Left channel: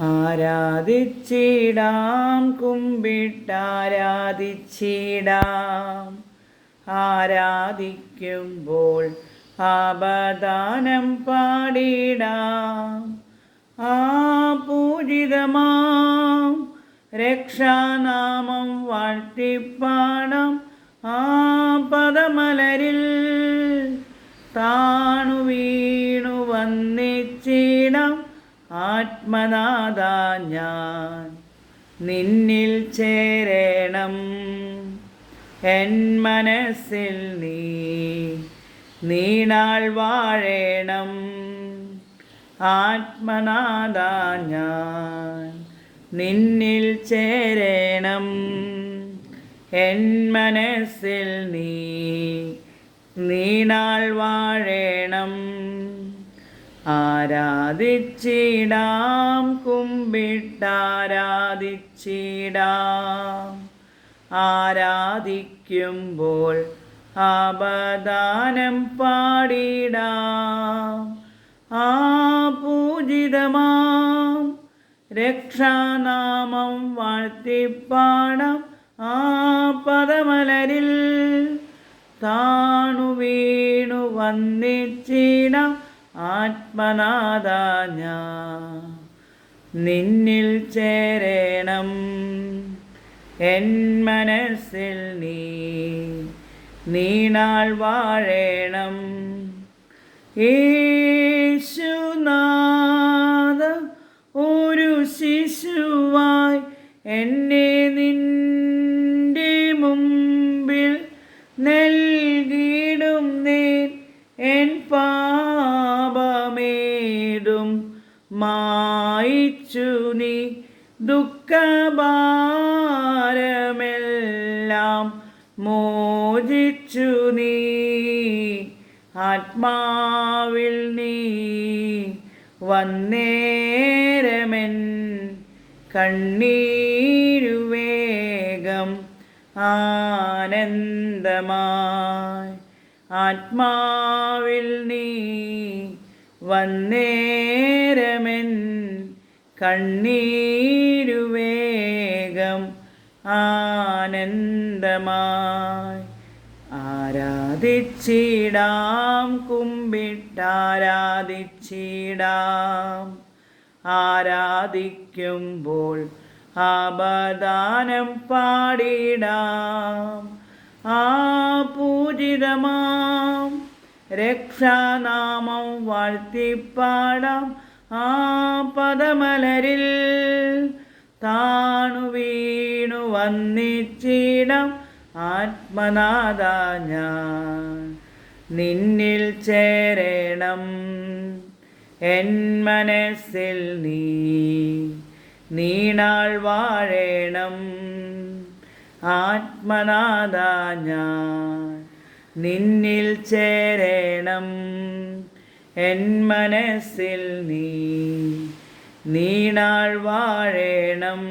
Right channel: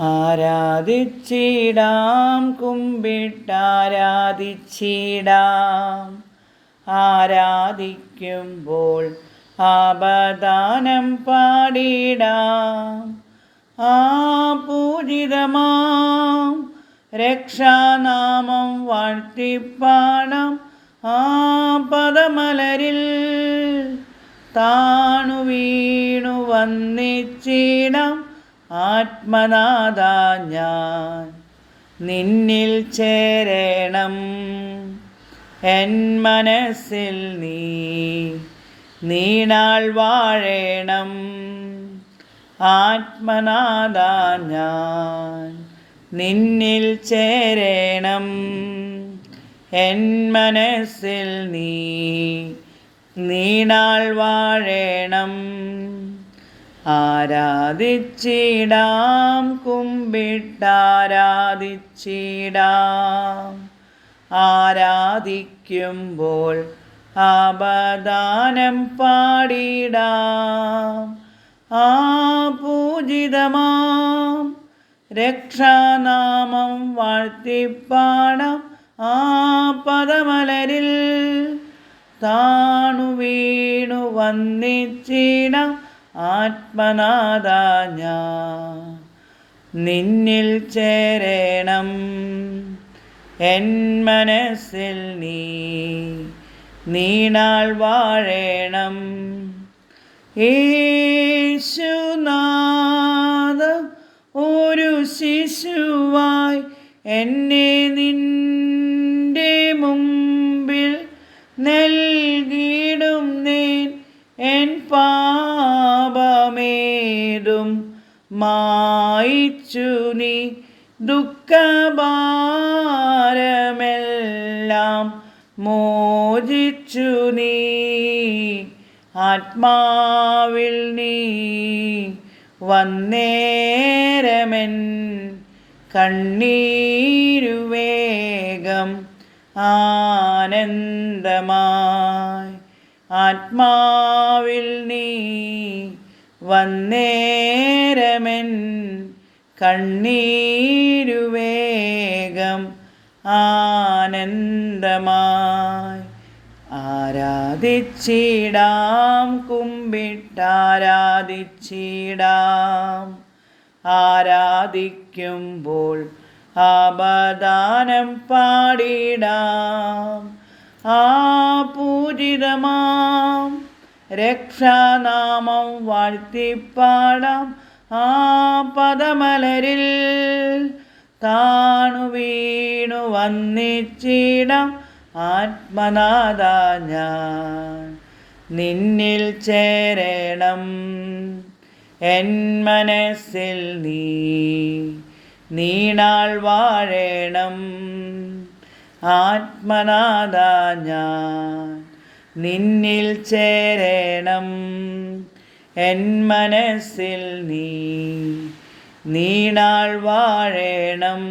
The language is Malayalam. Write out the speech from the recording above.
ആരാധിച്ചിടാം കുമ്പിട്ടാരാധിച്ചിടാം. ആരാധിക്കുമ്പോൾ ആപദാനം പാടിടാം. ആ പൂജിതമാം രക്ഷാനാമം വാഴ്ത്തിപ്പാടാം. ആ പദമലരിൽ താണു വീണു വന്നിച്ചിടാം ആത്മനാഥ ഞാൻ നിന്നിൽ ചേരണം. എൻ മനസ്സിൽ നീ നീണാൾ വാഴേണം. ആത്മനാഥ ഞാൻ നിന്നിൽ ചേരണം. എൻ മനസ്സിൽ നീ നീണാൾ വാഴേണം. ആരാധിച്ചിടാം കുമ്പിട്ടാരാധിച്ചിടാം. ആരാധിക്കുമ്പോൾ അപദാനം പാടിടാം. ആ പൂജിതമാം രക്ഷാനാമം വാഴ്ത്തിപ്പാടാം ആ പദമലരിൽ. താണു വീണു വന്നിച്ചിടാം ആത്മനാഥ നിന്നിൽ ചേരണം എൻ മനസ്സിൽ നീ. നീണാൾ വാഴേണം. ഈശുനാദ ഒരു ശിശുവായി എന്നെ നിന്റെ മുമ്പിൽ നൽകിയിടും മായിച്ചു നീ ദുഃഖഭാരമെല്ലാം മോചിച്ചു നീ. ആത്മാവിൽ നീ വന്നേരമെൻ കണ്ണീരുവേഗം ആനന്ദമായി. ആത്മാവിൽ നീ വന്നേരമെൻ കണ്ണീരുവേഗം ആനന്ദമായി. ആരാധിച്ചിടാം കുമ്പിട്ടാരാധിച്ചിടാം. ആരാധിക്കുമ്പോൾ ആപദാനം പാടിടാം. ആ പൂജിതമാം രക്ഷാനാമം വാഴ്ത്തിപ്പാടാം ആ പദമലരിൽ. താണു വീണു വന്നിച്ചിടാം ആത്മനാഥ ഞാൻ. നിന്നിൽ ചേരണം എൻ മനസ്സിൽ നീ. നീണാൾ വാഴേണം ആത്മനാഥ ഞാൻ. നിന്നിൽ ചേരണം. എൻ മനസ്സിൽ നീ നീണാൾ വാഴേണം.